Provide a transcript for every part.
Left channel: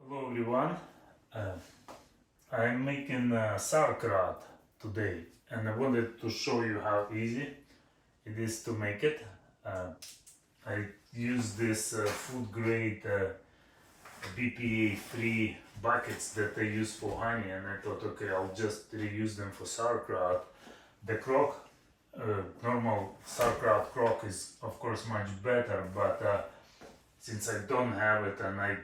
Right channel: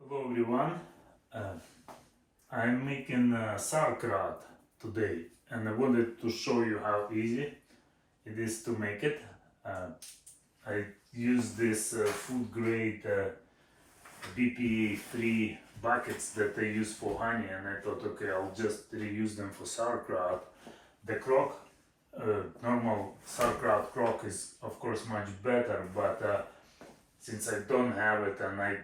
Hello everyone, I'm making sauerkraut today and I wanted to show you how easy it is to make it. I use this food grade BPA free buckets that I use for honey, and I thought, okay, I'll just reuse them for sauerkraut. The crock, normal sauerkraut crock is of course much better, but since I don't have it and I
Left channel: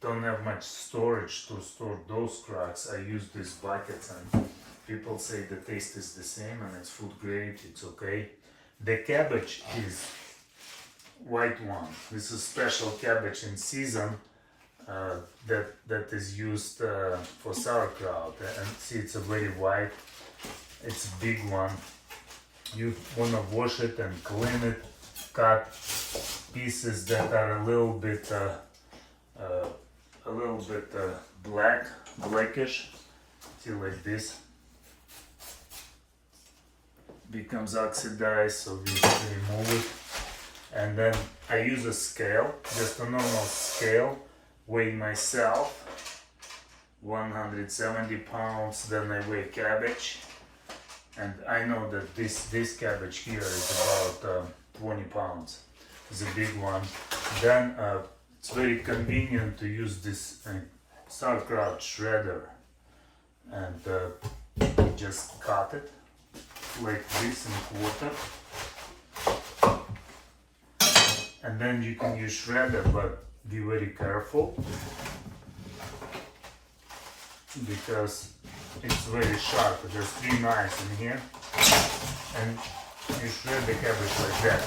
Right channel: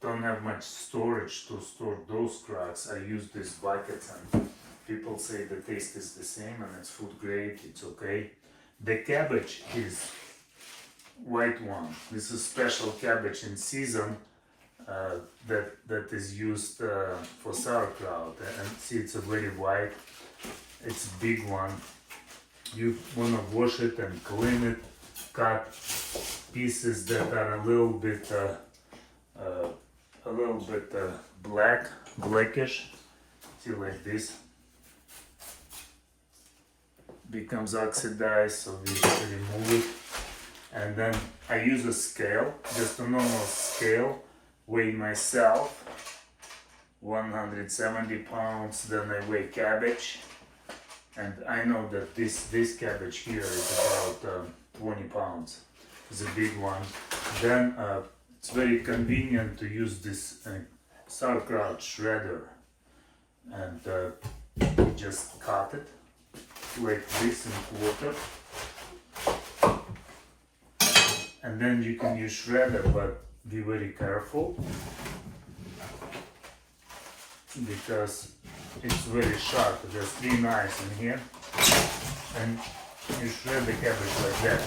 don't have much storage to store those cracks, I use these buckets, and people say the taste is the same and it's food grade, it's okay. The cabbage is white one. This is special cabbage in season that is used for sauerkraut, and see, it's a very white, it's a big one. You want to wash it and clean it, cut pieces that are a little bit blackish, see, like this, becomes oxidized, so we remove it. And then I use a scale, just a normal scale, weigh myself 170 pounds, then I weigh cabbage, and I know that this cabbage here is about 20 pounds. It's a big one. Then it's very convenient to use this sauerkraut shredder, and just cut it like this in quarter, and then you can use shredder, but be very careful because it's very sharp. There's 3 knives in here, and you shred the cabbage like that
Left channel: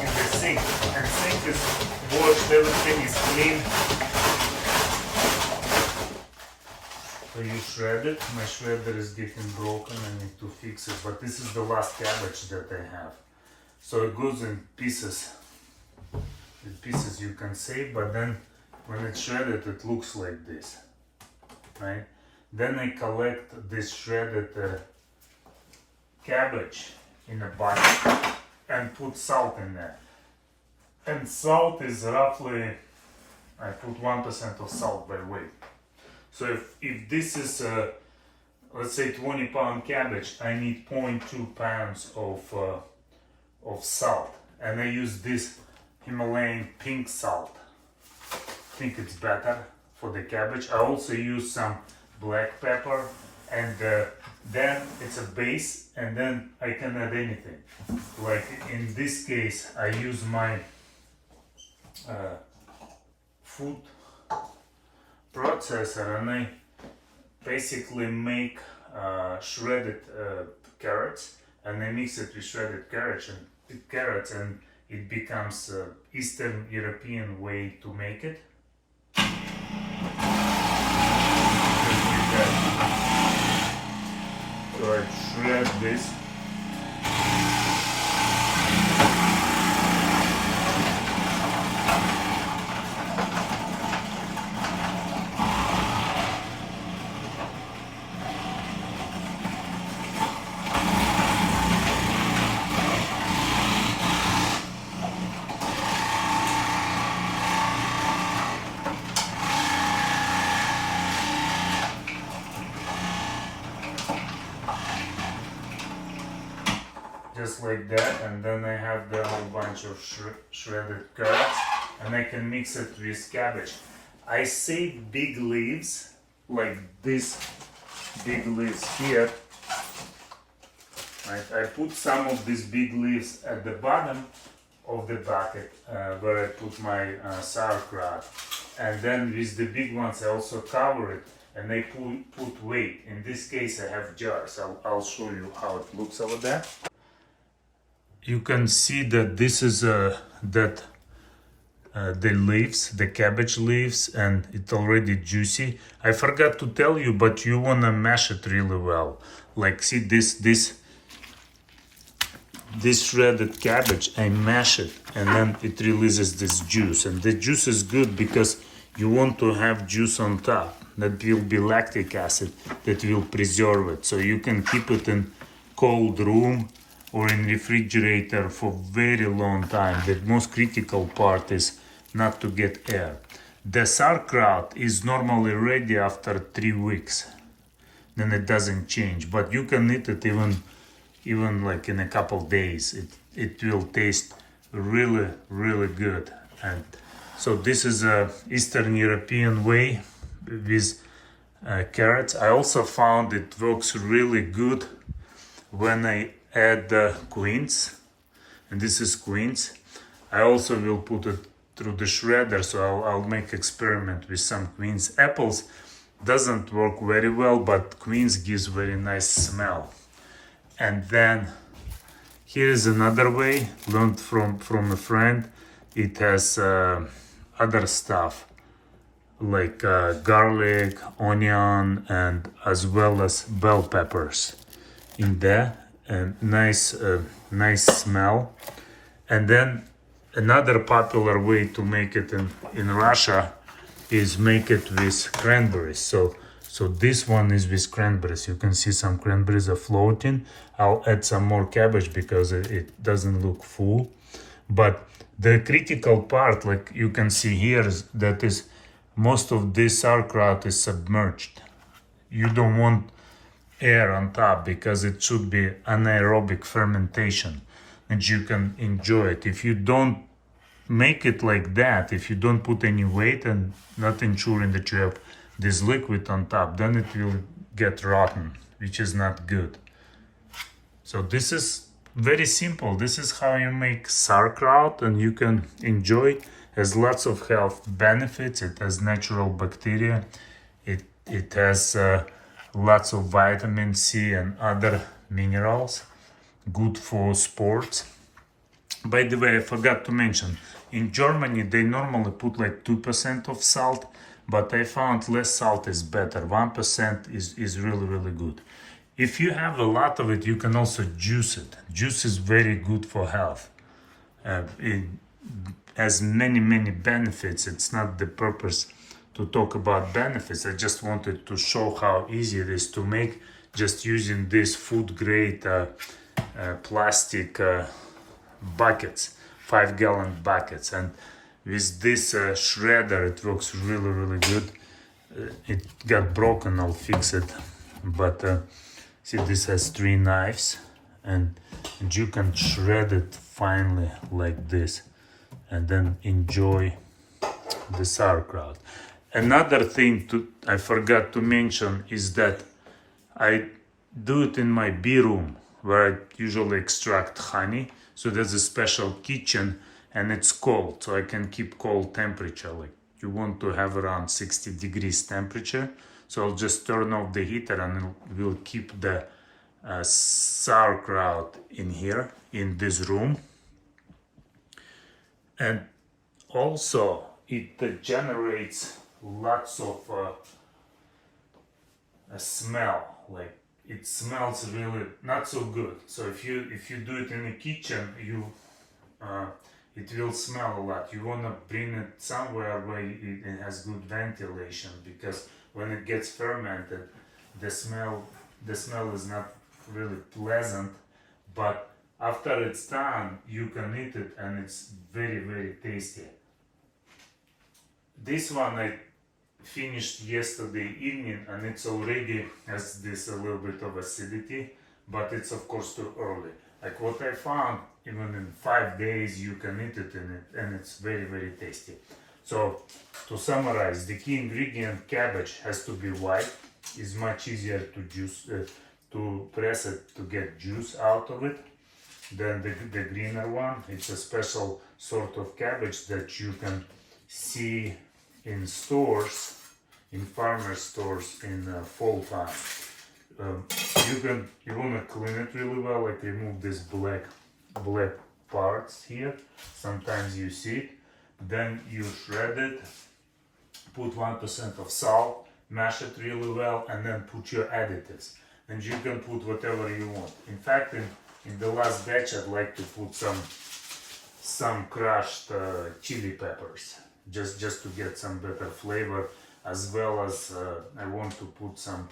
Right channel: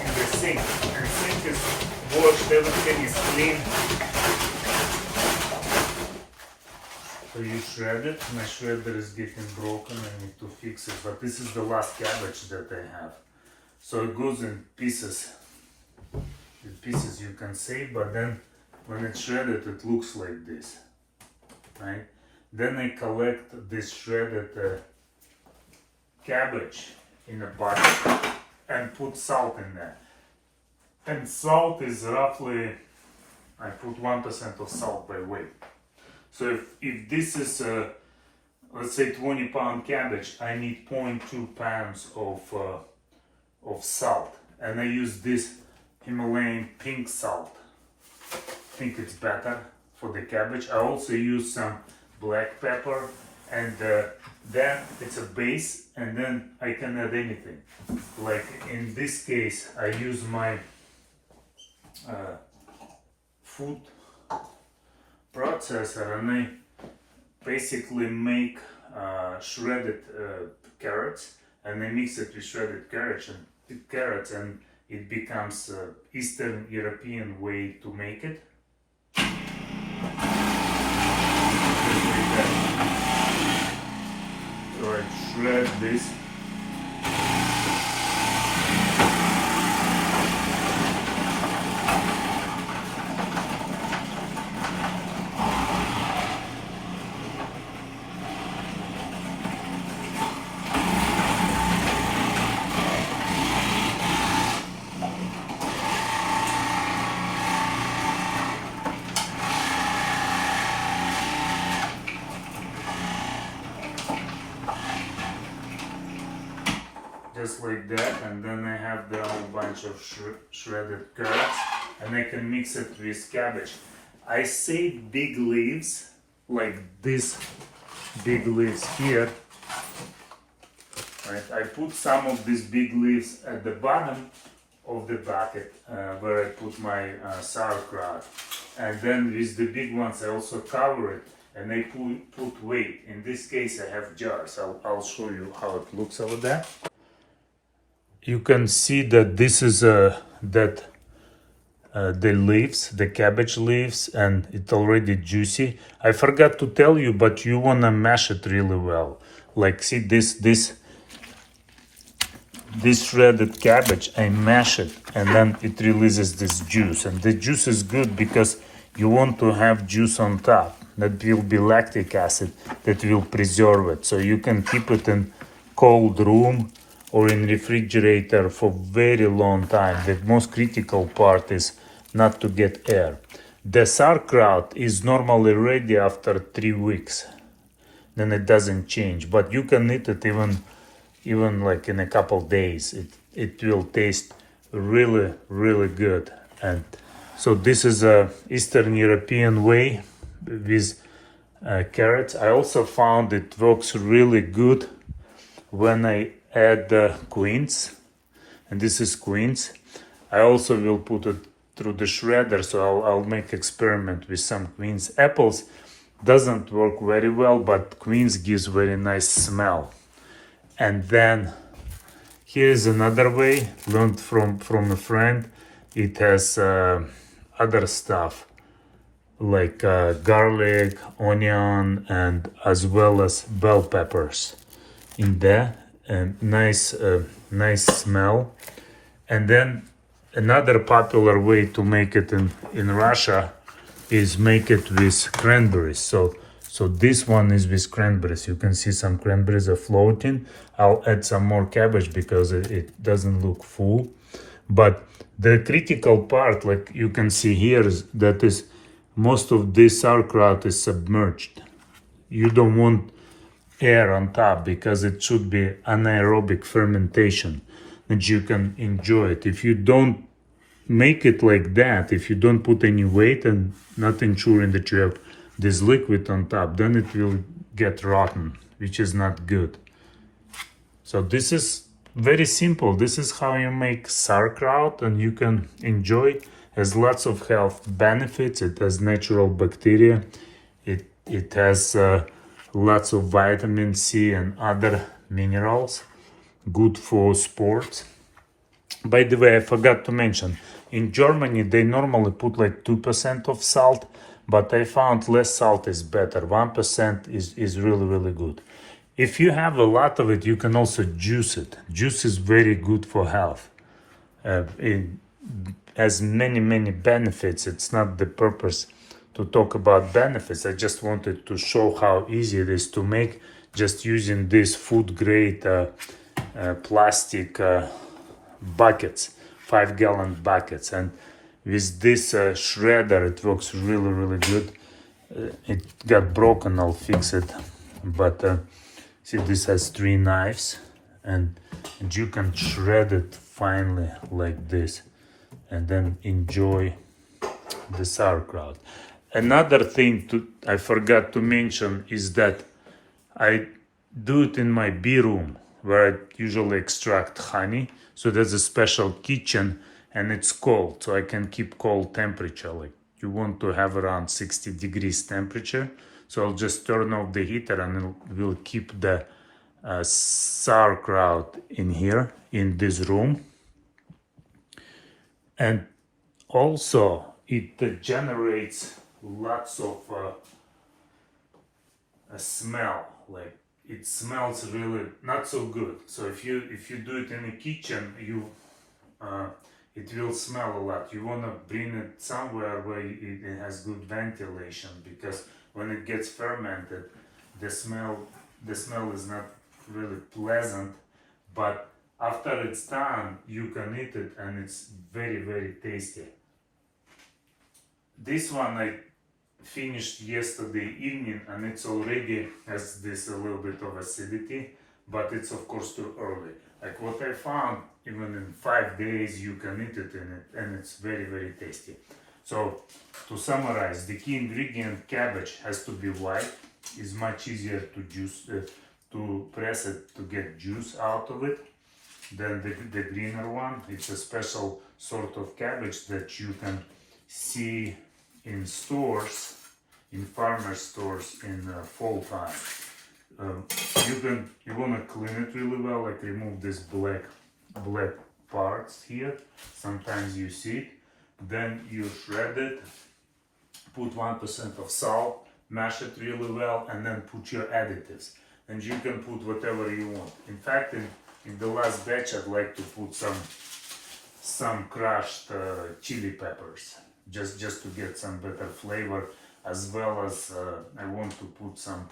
in the sink, and sink is washed, everything is clean. So you shred it. My shredder is getting broken, I need to fix it, but this is the last cabbage that I have. So it goes in pieces. In pieces you can save, but then when it's shredded it looks like this, right? Then I collect this shredded cabbage in a bucket and put salt in there. And salt is roughly, I put 1% of salt by weight. So if this is let's say 20-pound cabbage, I need 0.2 pounds of salt, and I use this Himalayan pink salt. I think it's better for the cabbage. I also use some black pepper, and then it's a base, and then I can add anything. Like in this case, I use my food processor, and I basically make shredded carrots, and I mix it with shredded carrots, and it becomes Eastern European way to make it. So I shred this. Just like that, and then I have the whole bunch of shredded carrots, and I can mix it with cabbage. I save big leaves, like this big leaves here, right? I put some of these big leaves at the bottom of the bucket where I put my sauerkraut, and then with the big ones I also cover it, and I put weight. In this case I have jars. I'll show you how it looks over there. You can see that this is the leaves, the cabbage leaves, and it's already juicy. I forgot to tell you, but you wanna mash it really well. Like, see this shredded cabbage, I mash it, and then it releases this juice. And the juice is good because you want to have juice on top. That will be lactic acid that will preserve it. So you can keep it in cold room or in refrigerator for very long time. The most critical part is not to get air. The sauerkraut is normally ready after 3 weeks. Then it doesn't change, but you can eat it even like in a couple days. It will taste really, really good. And so this is a Eastern European way with carrots. I also found it works really good when I add quince, and this is quince. I also will put it through the shredder, so I'll make experiment with some quince. Apples doesn't work very well, but quince gives very nice smell. And then here is another way learned from a friend. It has other stuff like garlic, onion, and as well as bell peppers in there, and nice smell. And then another popular way to make it in Russia is make it with cranberries. So this one is with cranberries. You can see some cranberries are floating. I'll add some more cabbage because it doesn't look full. But the critical part, like you can see here, is that is most of this sauerkraut is submerged. You don't want air on top because it should be anaerobic fermentation and you can enjoy it. If you don't make it like that, if you don't put any weight and not ensuring that you have this liquid on top, then it will get rotten, which is not good. So this is very simple. This is how you make sauerkraut, and you can enjoy. It has lots of health benefits. It has natural bacteria. It has lots of vitamin C and other minerals. Good for sports. By the way, I forgot to mention, in Germany they normally put like 2% of salt, but I found less salt is better. 1% is really good. If you have a lot of it, you can also juice it. Juice is very good for health. It has many benefits. It's not the purpose to talk about benefits. I just wanted to show how easy it is to make just using these food grade plastic buckets, 5-gallon buckets. And with this shredder, it works really good. It got broken, I'll fix it. But see, this has 3 knives, and you can shred it finely like this, and then enjoy the sauerkraut. Another thing I forgot to mention is that I do it in my bee room, where I usually extract honey. So there's a special kitchen, and it's cold, so I can keep cold temperature. Like you want to have around 60 degrees temperature. So I'll just turn off the heater, and it will keep the sauerkraut in here, in this room. And also it generates lots of a smell. Like it smells really not so good. So if you do it in the kitchen, it will smell a lot. You want to bring it somewhere where it has good ventilation, because when it gets fermented, the smell is not really pleasant. But after it's done, you can eat it, and it's very tasty. This one I finished yesterday evening, and it's already has this a little bit of acidity, but it's of course too early. Like what I found, even in 5 days you can eat it in it, and it's very tasty. So to summarize, the key ingredient, cabbage, has to be white. It's much easier to juice, to press it to get juice out of it, than the greener one. It's a special sort of cabbage that you can see in stores, in farmer stores in fall time. You want to clean it really well, like remove this black parts here. Sometimes you see it. Then you shred it, put 1% of salt, mash it really well, and then put your additives. And you can put whatever you want. In fact, in the last batch, I'd like to put some crushed chili peppers, just to get some better flavor, as well as I want to put some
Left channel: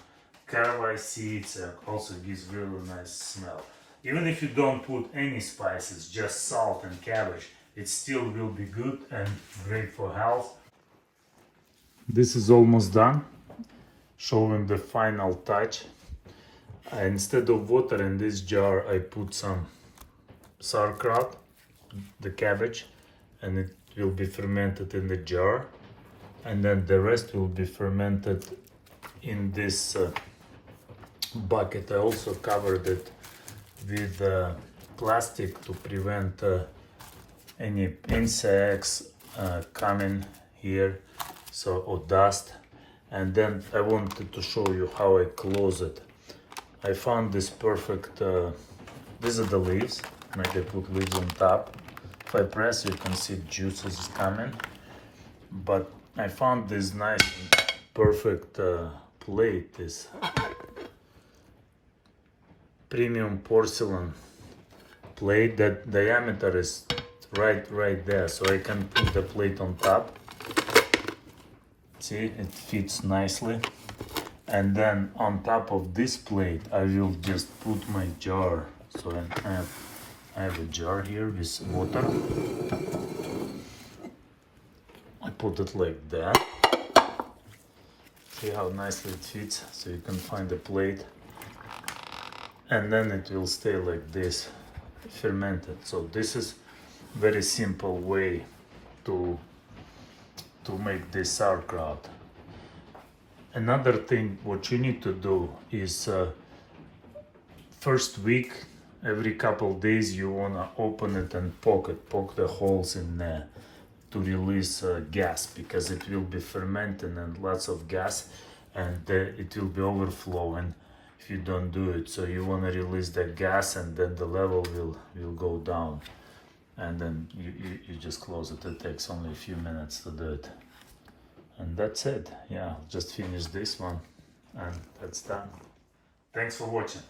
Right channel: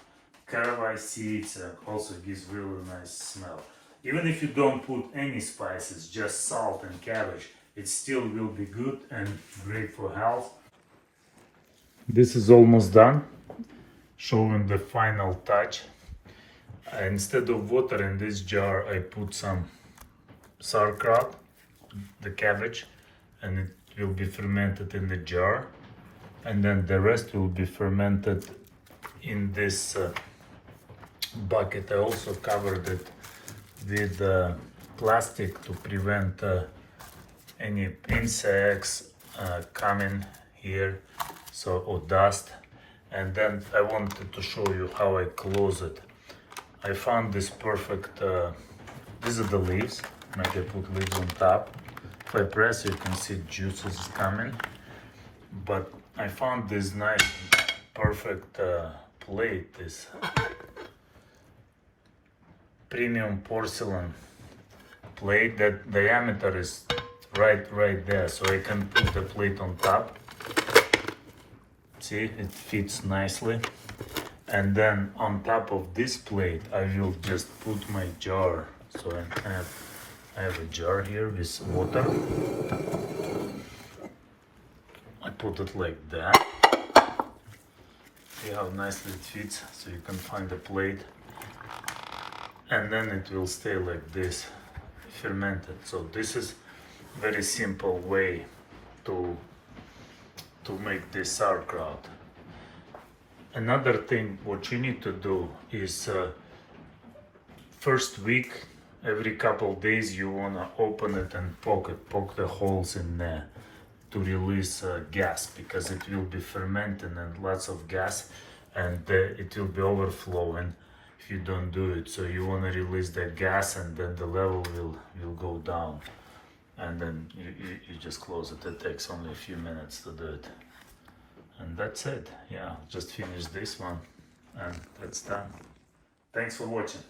caraway seeds. Also gives really nice smell. Even if you don't put any spices, just salt and cabbage, it still will be good and great for health. This is almost done, showing the final touch. Instead of water in this jar, I put some sauerkraut, the cabbage, and it will be fermented in the jar, and then the rest will be fermented in this bucket. I also covered it with plastic to prevent any insects coming here, so, or dust. And then I wanted to show you how I close it. I found this perfect, these are the leaves, maybe put leaves on top. If I press, you can see juices coming. But I found this nice, perfect plate, this premium porcelain plate that diameter is right there, so I can put the plate on top. See, it fits nicely. And then on top of this plate, I will just put my jar. So I have a jar here with water. I put it like that. See how nicely it fits, so you can find the plate. And then it will stay like this, fermented. So this is very simple way to make this sauerkraut. Another thing what you need to do is first week, every couple days you wanna open it and poke the holes in there to release gas, because it will be fermenting and lots of gas, and it will be overflowing if you don't do it. So you wanna release that gas, and then the level will go down, and then you just close it. It takes only a few minutes to do it. And that's it. Yeah, just finish this one and that's done. Thanks for watching.